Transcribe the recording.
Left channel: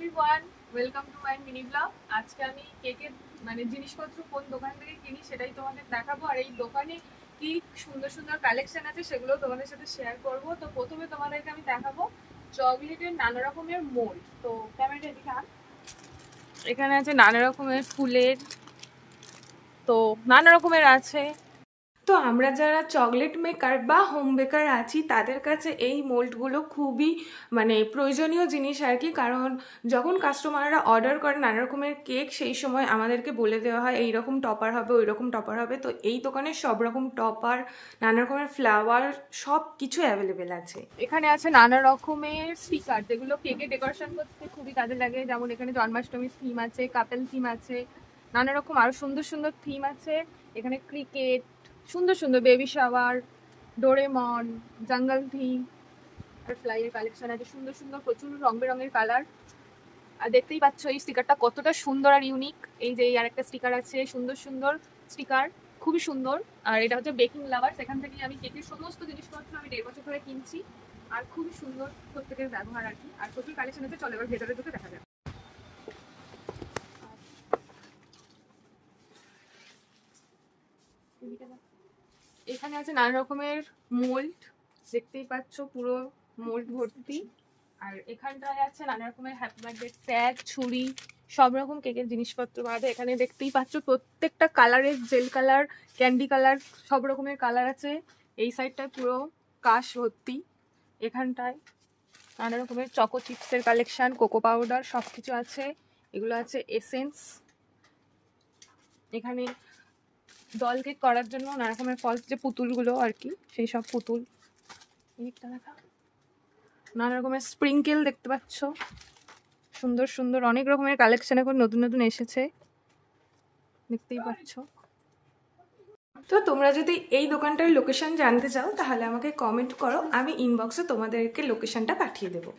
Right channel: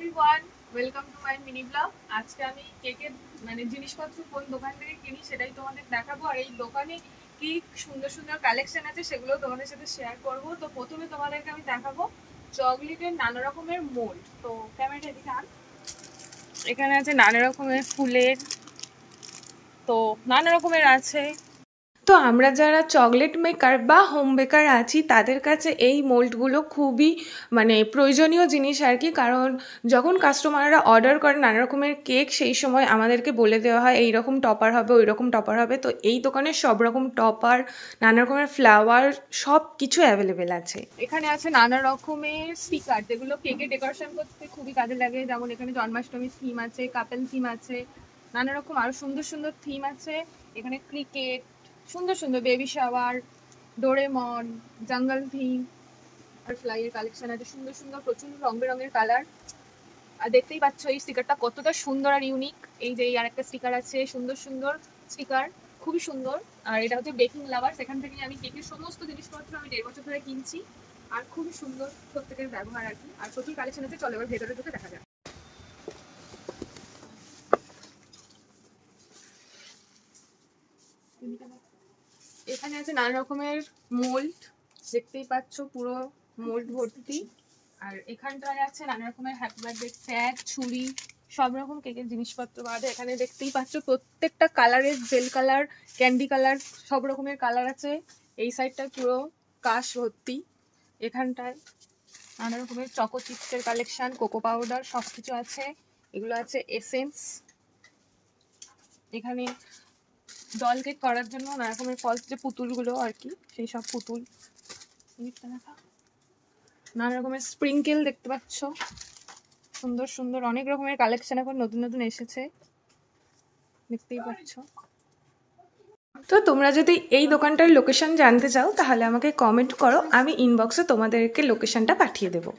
Everyone, welcome to my mini blog. আজকে আমি কেকের জিনিসপত্র কোন দোকান থেকে কিনি সেটাই তোমাদের দেখাবো, আর এই দোকানে কি সুন্দর সুন্দর কালেকশন আছে সেগুলো তোমাদের সাথে শেয়ার করব। তো প্রথমে তোমাদেরকে আমি দেখাবো চকলেটের নানা রকমের মোল্ড। তো ক্যামেরাটা এদিকে আন। এখানে আছে নানা রকমের ফুলের, তো নানা রকমের আছে। তো আমরা যারা চকলেট মেকার বা হোম বেকার আছি তাদের কাছে এই মোল্ডগুলো খুবই প্রয়োজনীয় জিনিস আর কি। কারণ যখন কাস্টমাররা অর্ডার করে নানা রকমের কেক, সেই সময় আমাদেরকে বলে দেওয়া হয় এই রকম টপার হবে, ওই রকম টপার হবে। তো এই দোকানে সব রকম টপার, নানা রকমের ফ্লাওয়ার, সব কিছু অ্যাভেলেবেল আছে। এখানে আছে নানা রকমের স্টিকার যেগুলো কেকে ডেকোরেশন করতে খুবই কাজে লাগে। যেমন এখানে জন্মাষ্টমীর থিম আছে, কাপেল থিম আছে, নানা রকম আরো সুন্দর সুন্দর থিম আছে। এখানে ক্রিকেট, সুন্দর সুন্দর বেবি শাওয়ার, ডোরেমন, জঙ্গল থিম আর ফ্লাইয়ের কালেকশন আছে সুন্দর সুন্দর, প্রচুর রং বেরঙের কালার। আর দেখতেই পাচ্ছ এই স্টিকারটা কতটা সুন্দর আর ইউনিক। এই যে আর একটা স্টিকার আছে, সুন্দর সুন্দর স্টিকার, খুবই সুন্দর। আর এটা হচ্ছে বেকিং লাভার, সেখান থেকে আমি কেকের সমস্ত জিনিসপত্র আমি 1.5 বছর ধরে কিনছি। আর খুবই সুন্দর প্রত্যেকের ব্যবহার আর কি। আর প্রচুর কালেকশন আছে, চলো এবার ভেতরে ঢুকে দেখা যাক। এখানে আছে নানা রকমের মোল্ড, দেখতেই পাচ্ছ পুরো মোল্ড ভর্তি। আর এখানটায় আছে নানা রকমের হ্যাপি বার্থডে ট্যাগ, ছুরি, সব রকম কেকের জিনিসপত্র আছে। এখানে দেখতেই পাচ্ছ প্রত্যেকটা কালারের, জেল কালার, ক্যান্ডি কালার, সব রকমের কালার আছে। এই সাইডটায় পুরো কাশ ভর্তি। এখানটায় নানা রকমের চকো চিপসের কালেকশন, কোকো পাউডার, সব কিছু আছে। এগুলো আছে এসেন্স। এখানে ডল কেক করার জন্য নানা রকমের ফলস, যে পুতুলগুলো আর কি, সেই সব পুতুল। নানা রকমের স্প্রিঙ্কেল দেখতে পাচ্ছ, সুন্দর সুন্দর অনেক রকমের কালেকশন এখন নতুন নতুন এসেছে, দেখতেই পাচ্ছ। তো তোমরা যদি এই দোকানটার লোকেশন জানতে চাও তাহলে আমাকে কমেন্ট করো, আমি ইনবক্সে তোমাদেরকে লোকেশনটা পাঠিয়ে দেবো।